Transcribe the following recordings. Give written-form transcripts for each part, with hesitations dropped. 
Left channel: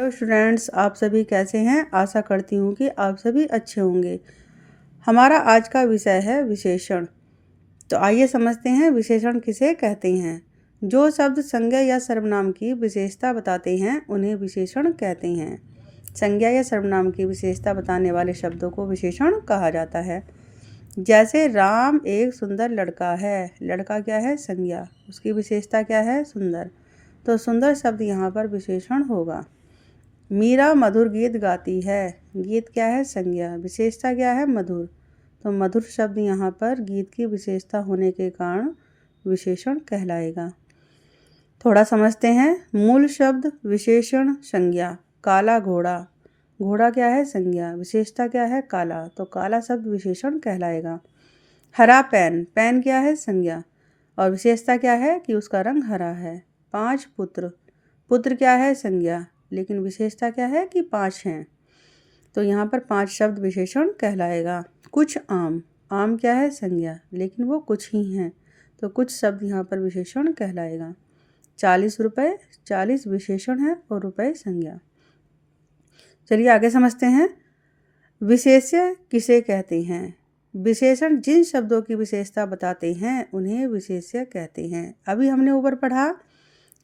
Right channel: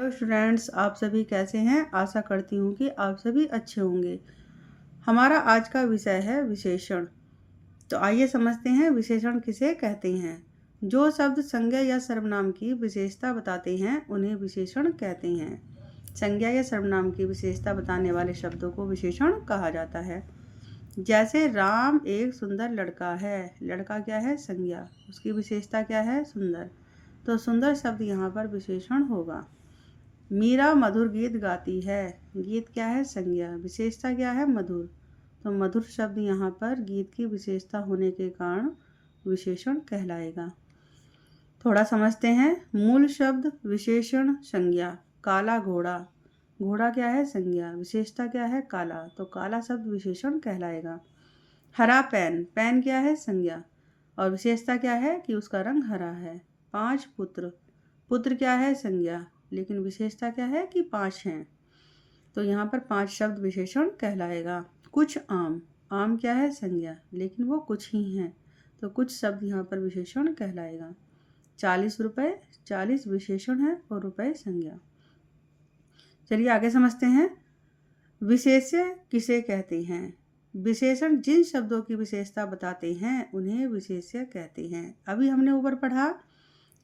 Hello students, आप सभी कैसे हैं। आशा करती हूँ कि आप सभी अच्छे होंगे। हमारा आज का विषय है विशेषण। तो आइए समझते हैं विशेषण किसे कहते हैं। जो शब्द संज्ञा या सर्वनाम की विशेषता बताते हैं उन्हें विशेषण कहते हैं। संज्ञा या सर्वनाम की विशेषता बताने वाले शब्दों को विशेषण कहा जाता है। जैसे राम एक सुंदर लड़का है। लड़का क्या है? संज्ञा। उसकी विशेषता क्या है? सुंदर। तो सुंदर शब्द यहाँ पर विशेषण होगा। मीरा मधुर गीत गाती है। गीत क्या है? संज्ञा। विशेषता क्या है? मधुर। तो मधुर शब्द यहाँ पर गीत की विशेषता होने के कारण विशेषण कहलाएगा। थोड़ा समझते हैं। मूल शब्द, विशेषण, संज्ञा। काला घोड़ा। घोड़ा क्या है? संज्ञा। विशेषता क्या है? काला। तो काला शब्द विशेषण कहलाएगा। हरा पेन। पेन क्या है? संज्ञा। और विशेषता क्या है कि उसका रंग हरा है। 5 पुत्र। पुत्र क्या है? संज्ञा। लेकिन विशेषता क्या है कि 5 हैं। तो यहाँ पर 5 शब्द विशेषण कहलाएगा। कुछ आम। आम क्या है? संज्ञा। लेकिन वो कुछ ही हैं। तो कुछ शब्द यहाँ पर विशेषण कहलाएगा। 40 रुपये। 40 विशेषण है और रुपये संज्ञा। चलिए आगे समझते हैं। विशेष्य किसे कहते हैं? विशेषण जिन शब्दों की विशेषता बताते हैं उन्हें विशेष्य कहते हैं। अभी हमने ऊपर पढ़ा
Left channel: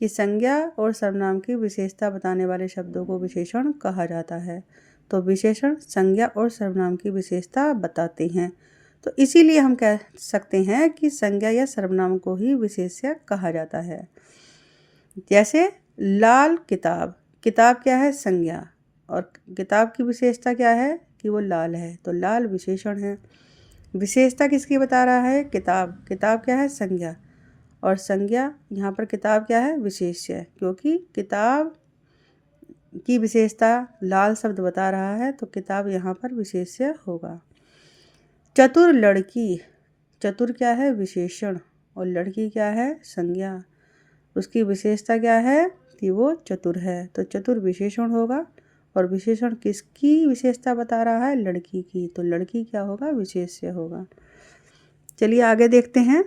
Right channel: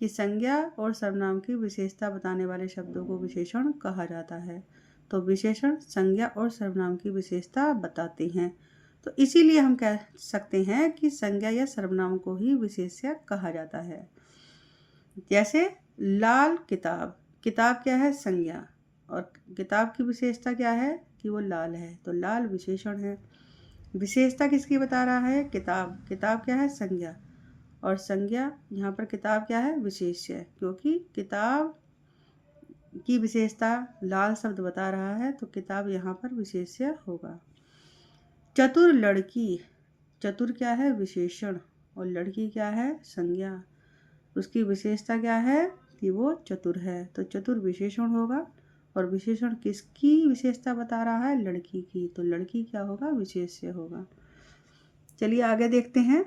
कि संज्ञा और सर्वनाम की विशेषता बताने वाले शब्दों को विशेषण कहा जाता है। तो विशेषण संज्ञा और सर्वनाम की विशेषता बताते हैं। तो इसीलिए हम कह सकते हैं कि संज्ञा या सर्वनाम को ही विशेष्य कहा जाता है। जैसे लाल किताब। किताब क्या है? संज्ञा। और किताब की विशेषता क्या है कि वो लाल है। तो लाल विशेषण है। विशेषता किसकी बता रहा है? किताब। किताब क्या है? संज्ञा। और संज्ञा यहाँ पर किताब क्या है? विशेष्य। क्योंकि किताब की विशेषता लाल शब्द बता रहा है तो किताब यहाँ पर विशेष्य होगा। चतुर लड़की। चतुर क्या है? विशेषण। और लड़की क्या है? संज्ञा। उसकी विशेषता क्या है कि वो चतुर है। तो चतुर विशेषण होगा। और विशेषण किसकी विशेषता बता रहा है? लड़की की। तो लड़की क्या होगा? विशेष्य होगा। चलिए आगे देखते हैं।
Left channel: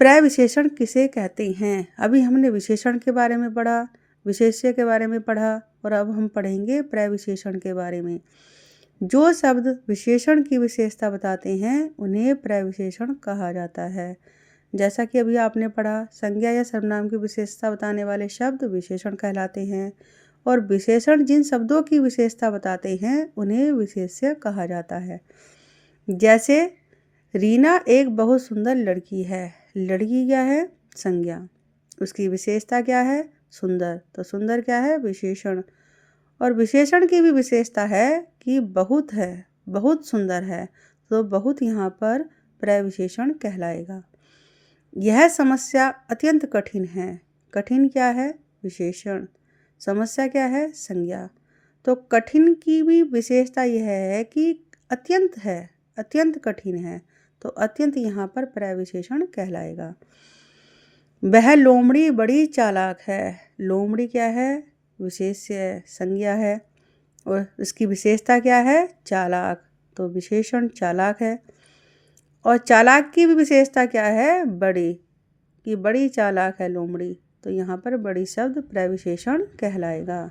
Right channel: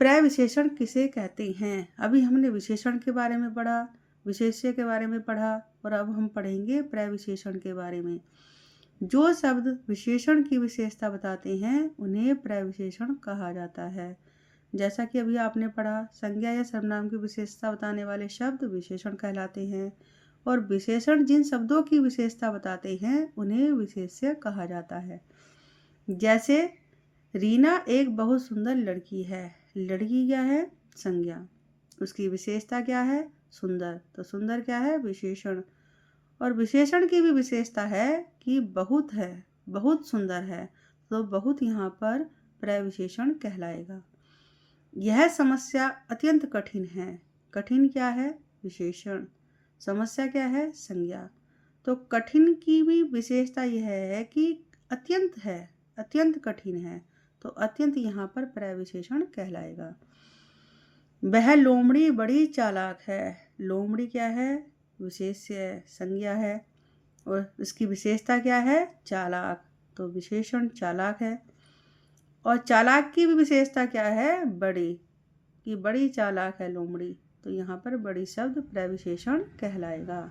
प्रविशेषण किसे कहते हैं? अभी हमने विशेषण के बारे में पढ़ा, विशेष्य के बारे में पढ़ा और अब हम पढ़ेंगे प्रविशेषण के बारे में। जो शब्द विशेषण की विशेषता बताते हैं उन्हें प्रविशेषण कहा जाता है। जैसा कि अभी आपने पढ़ा, संज्ञा या सर्वनाम की विशेषता बताने वाले शब्द विशेषण कहलाते हैं और विशेषण जिन शब्दों की विशेषता बताते हैं उन्हें विशेष्य कहा जाता है। जैसे रीना एक बहुत सुंदर लड़की है। लड़की क्या है? संज्ञा। उसकी विशेषता क्या है? सुंदर। तो सुंदर क्या है? विशेषण। और विशेषण की भी विशेषता है कि बहुत है, बहुत सुंदर है। तो बहुत यहाँ पर प्रविशेषण कहलाएगा। यह समस्या अत्यंत कठिन है। कठिन क्या है? विशेषण। समस्या क्या है? संज्ञा। तो कठिन की भी विशेषता यह है कि अत्यंत है, अत्यंत कठिन है। तो अत्यंत यहाँ पर प्रविशेषण कहलाएगा। वह लोमड़ी बड़ी चालाक है। लोमड़ी क्या है? विशेष्य है, संज्ञा है। और उसकी विशेषता क्या है? चालाक। तो विशेषण चालाक है। और चालाक की भी विशेषता क्या है? बड़ी। कि बड़ी चालाक है लोमड़ी। तो यहाँ पर बड़ी शब्द प्रविशेषण कहलाएगा।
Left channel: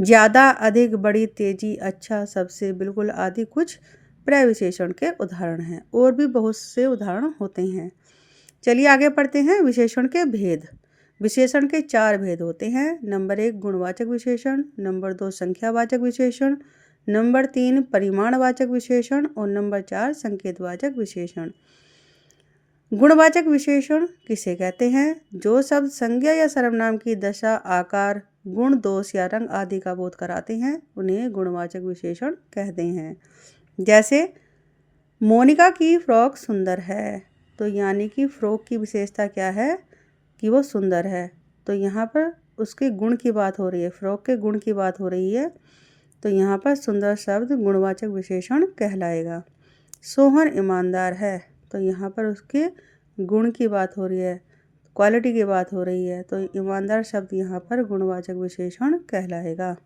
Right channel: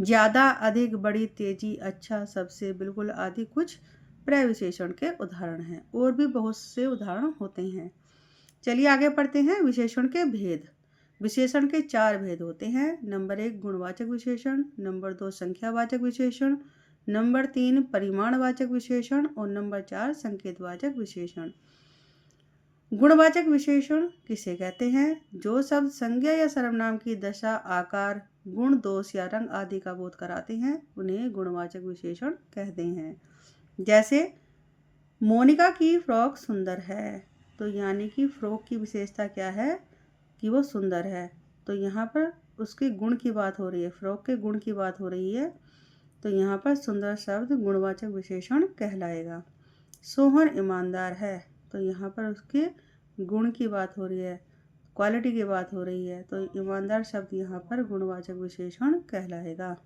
ज़्यादा, अधिक, बड़ी, तेजी, अच्छा, सबसे, बिल्कुल आदि कुछ प्रविशेषण के उदाहरण हैं। और भी बहुत से उदाहरण होते हैं। चलिए आगे पढ़ते हैं। विशेषण के भेद। विशेषण के 4 भेद होते हैं। नंबर 1 गुणवाचक विशेषण, नंबर 2 संख्यावाचक विशेषण, नंबर 3 परिमाणवाचक विशेषण और नंबर 4 संकेतवाचक विशेषण। गुणवाचक विशेषण किसे कहते हैं? जो शब्द संज्ञा या सर्वनाम की दशा, आकार, गुण, दोष या रंग आदि का बोध कराते हैं उन्हें गुणवाचक विशेषण कहते हैं। जैसे मोनिका की फ्रॉक सुंदर है। तो यानी कि फ्रॉक की विशेषता क्या है कि वो सुंदर है। तो यहाँ पर उसके गुण की बात हो रही है, फ्रॉक के गुण की बात हो रही है। तो यहाँ पर सुंदर शब्द गुणवाचक विशेषण कहलाएगा। सोहन ईमानदार है। तो यहाँ पर उसके गुण की बात हो रही है, क्वालिटी की बात हो रही है। तो ईमानदार शब्द यहाँ पर गुणवाचक विशेषण कहलाएगा।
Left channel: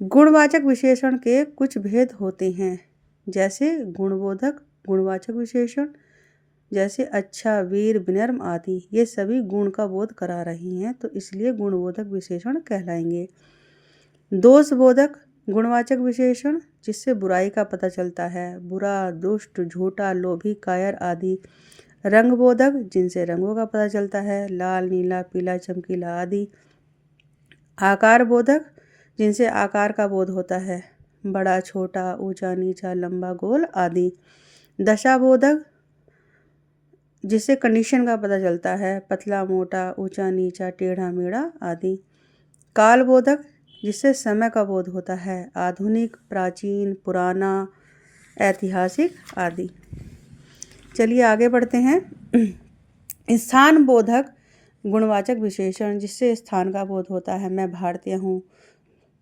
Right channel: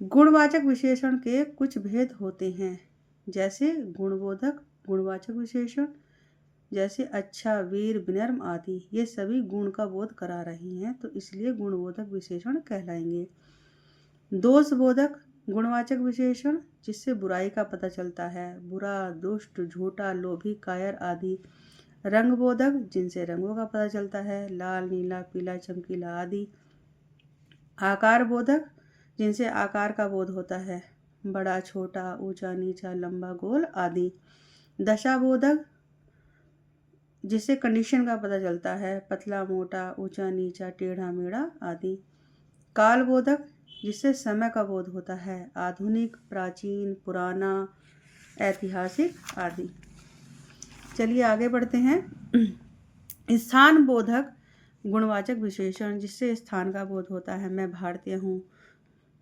गुणवाचक विशेषण के कुछ भेद होते हैं। जैसे गुणबोधक गुणवाचक विशेषण, जैसे अच्छा, वीर, विनम्र आदि, ये सभी गुण का बोध करा रही हैं, तो इसलिए गुणबोधक विशेषण कहलाएंगे। दोषबोधक गुणवाचक विशेषण, जिससे बुराई का पता चलता है, बुरा, दुष्ट, झूठा, लोभी, कायर आदि। रंगबोधक, जिनसे रंगों का पता चलता है, लाल, नीला, पीला, चमकीला आदि। आकार बोधक, जिनसे आकार का बोध होता है, बड़ा, छोटा, ऊंचा, नीचा, लंबा, गोल आदि। दशाबोधक, जिससे कंडीशन का पता चलता है, पतला, मोटा, ऊंचा, नीचा, टेढ़ा, मेढ़ा आदि। कालबोधक, जिससे समय का बोध होता है, आधुनिक, प्राचीन, पुराना, ऐतिहासिक आदि। चलिए आगे बढ़ते हैं। स्थान बोधक गुणवाचक विशेषण, जिससे स्थान का बोध होता है, मैं भारतीय हूँ,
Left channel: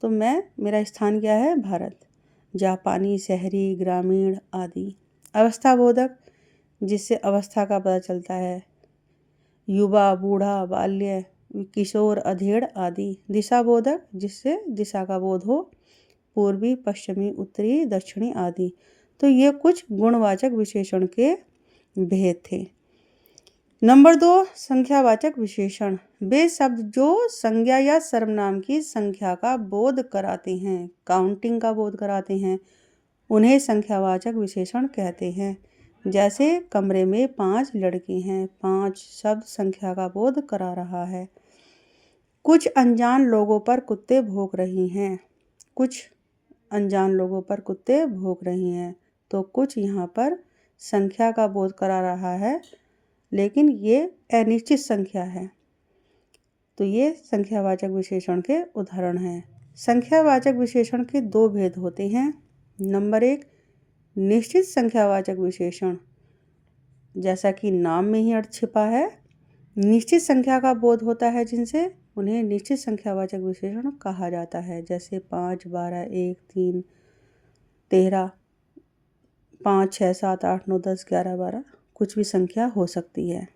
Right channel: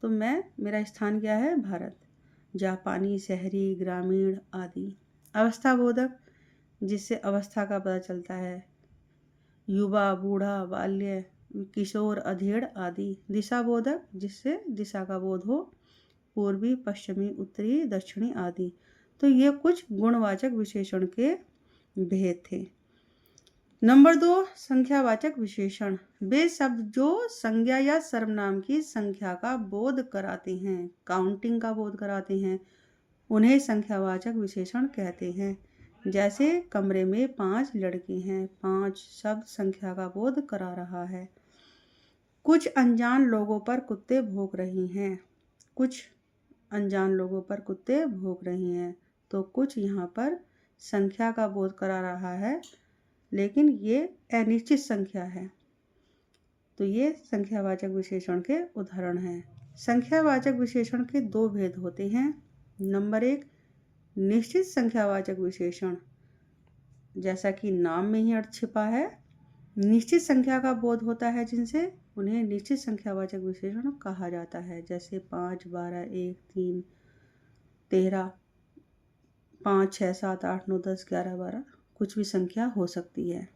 तो मेरा स्थान क्या है, भारत। जापानी, शहरी, ग्रामीण आदि। अवस्था बोधक, जिससे अवस्था का पता चलता है, युवा, बूढ़ा, बाल्य, किशोर, अधेड़ आदि। दिशा बोधक, जिससे दिशा का बोध हो, पूर्वी, पश्चिमी, उत्तरी, दक्षिणी आदि। तो ये कुछ गुणवाचक विशेषण के भेद थे। नंबर 2, संख्यावाचक विशेषण। वे शब्द जो संज्ञा या सर्वनाम की संख्या का बोध कराते हैं, काउंटिंग का बोध कराते हैं, उन्हें संख्यावाचक विशेषण कहते हैं। जैसे कमरे में 5 लड़के हैं, 5 शब्द संख्या का बोध करा रहा है। कुछ अनजान लोगों पर कुत्ते भौंक रही हैं, कुछ अनजान लोगों पर कुत्ते भौंक रही हैं, तो कुछ यहाँ पर संख्या का बोध करा रहा है, लेकिन ये अनिश्चित संख्या है, तो ये संख्यावाचक विशेषण के उदाहरण हैं। संख्यावाचक विशेषण के 2 भेद होते हैं। नंबर 1, निश्चित संख्यावाचक विशेषण, जैसा कि नाम में ही अर्थ छिपा है, निश्चित संख्या का बोध होता है, जिनसे उन्हें निश्चित संख्यावाचक विशेषण कहा जाता है। जैसे 5, 12, 1, 3, 13, 5, 6, 7, 8, 9, 10, 11, 12, कुछ भी संख्या हो सकती है।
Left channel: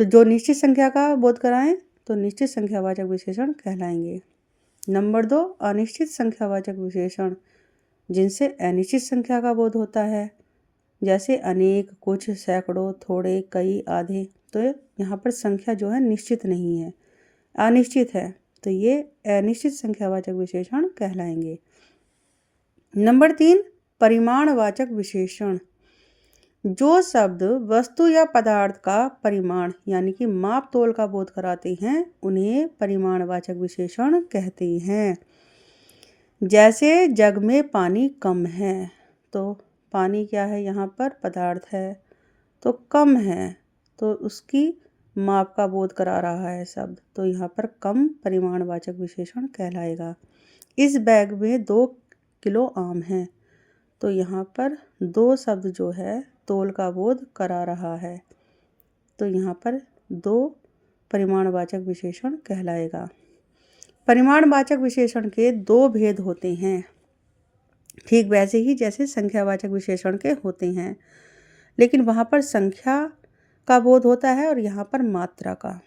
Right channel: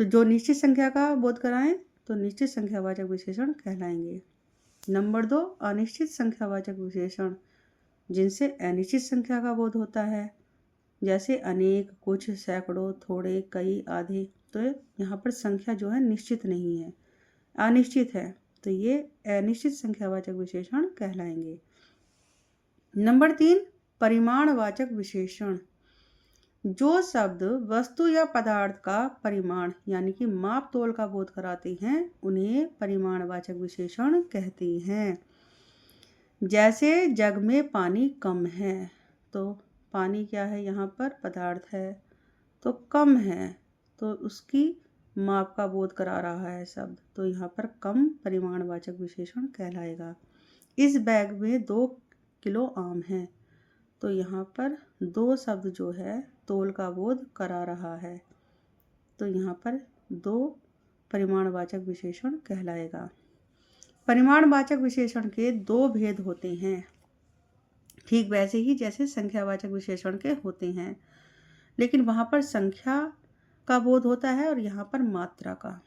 तो जो निश्चित संख्या का बोध कराएं तो निश्चित संख्यावाचक विशेषण कहलाएंगे। नंबर 2, अनिश्चित संख्यावाचक विशेषण, जिनसे अनिश्चित संख्या का बोध होता है, जैसे अनेक, कुछ, सैकड़ों, थोड़े, कई, आधे। तो यहाँ पर संख्या जो है निश्चित नहीं है, अनिश्चित है, तो ये अनिश्चित संख्यावाचक विशेषण कहलाएंगे। नंबर 3, परिमाणवाचक विशेषण। जो शब्द वस्तु या पदार्थ का परिमाण यानी कि माप तोल का बोध कराते हैं, उन्हें परिमाणवाचक विशेषण कहते हैं। जैसे जग में पानी कम है, तो पानी क्या है, यहाँ पर पदार्थ है, तो कम है, तो उसकी माप का बोध करा रहा है शब्द, तो यहाँ पर कम परिमाणवाचक विशेषण कहलाएगा। इस बैग में 2 किलो आम है, तो यहाँ पर 2 शब्द जो है तोल का बोध करा रहा है, तो यहाँ पर 2 परिमाणवाचक विशेषण कहलाएगा। परिमाणवाचक विशेषण के 2 भेद होते हैं, ठीक वैसे ही जैसे संख्यावाचक विशेषण के होते हैं, लेकिन वहाँ पर संख्या का बोध होता है और यहाँ पर मात्रा का।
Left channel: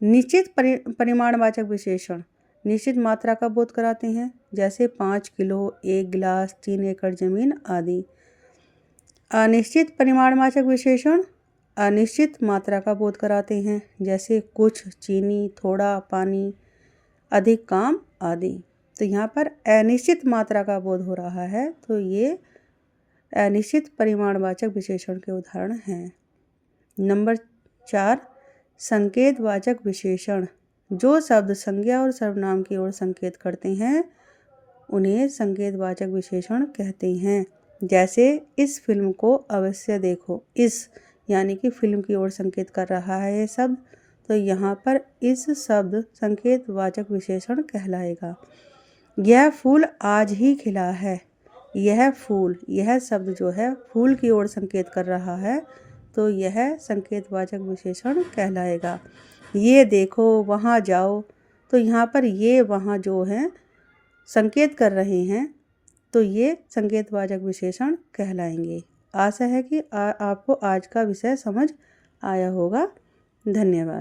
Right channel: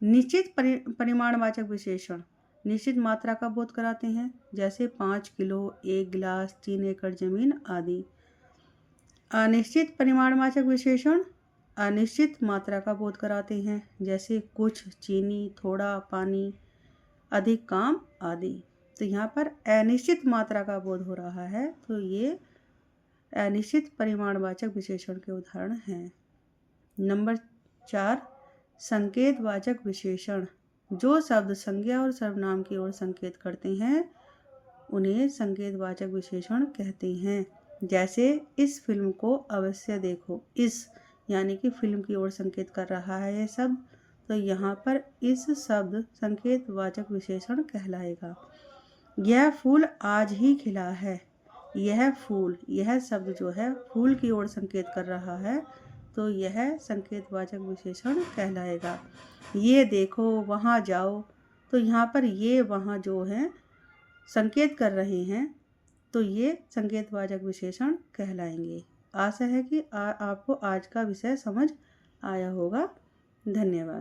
निश्चित परिमाणवाचक विशेषण निश्चित मात्रा का बोध कराते हैं, जैसे 5 किलो, 1 गिलास, 3 एकड़ जमीन आदि। अनिश्चित परिमाणवाचक विशेषण अनिश्चित मात्रा का बोध कराते हैं, जैसे कुछ, चीनी, थोड़ा, पानी, अधिक काम आदि। तो यहाँ पर अनिश्चित मात्रा का बोध हो रहा है, तो ये अनिश्चित परिमाणवाचक विशेषण के उदाहरण हैं। नंबर 4, संकेतवाचक विशेषण। जो शब्द संज्ञा और सर्वनाम की ओर संकेत करते हैं, उन्हें संकेतवाचक विशेषण कहते हैं। जैसे इस फिल्म को अवश्य देखो, इस यानी कि फिल्म की ओर संकेत कर रहा है ये शब्द, तो यहाँ पर इस शब्द संकेतवाचक विशेषण कहलाएगा। यह फूल आज ही खिला है, यह फूल, यह शब्द जो है फूल की ओर संकेत कर रहा है, तो यह संकेतवाचक विशेषण कहलाएगा। ये देखो, वहाँ जाओ, तो यहाँ पर ये वहाँ जो है संकेत कर रहे हैं, तो ये संकेतवाचक विशेषण कहलाएंगे। आशा है कि आपको आज का विषय समझ आया होगा। धन्यवाद।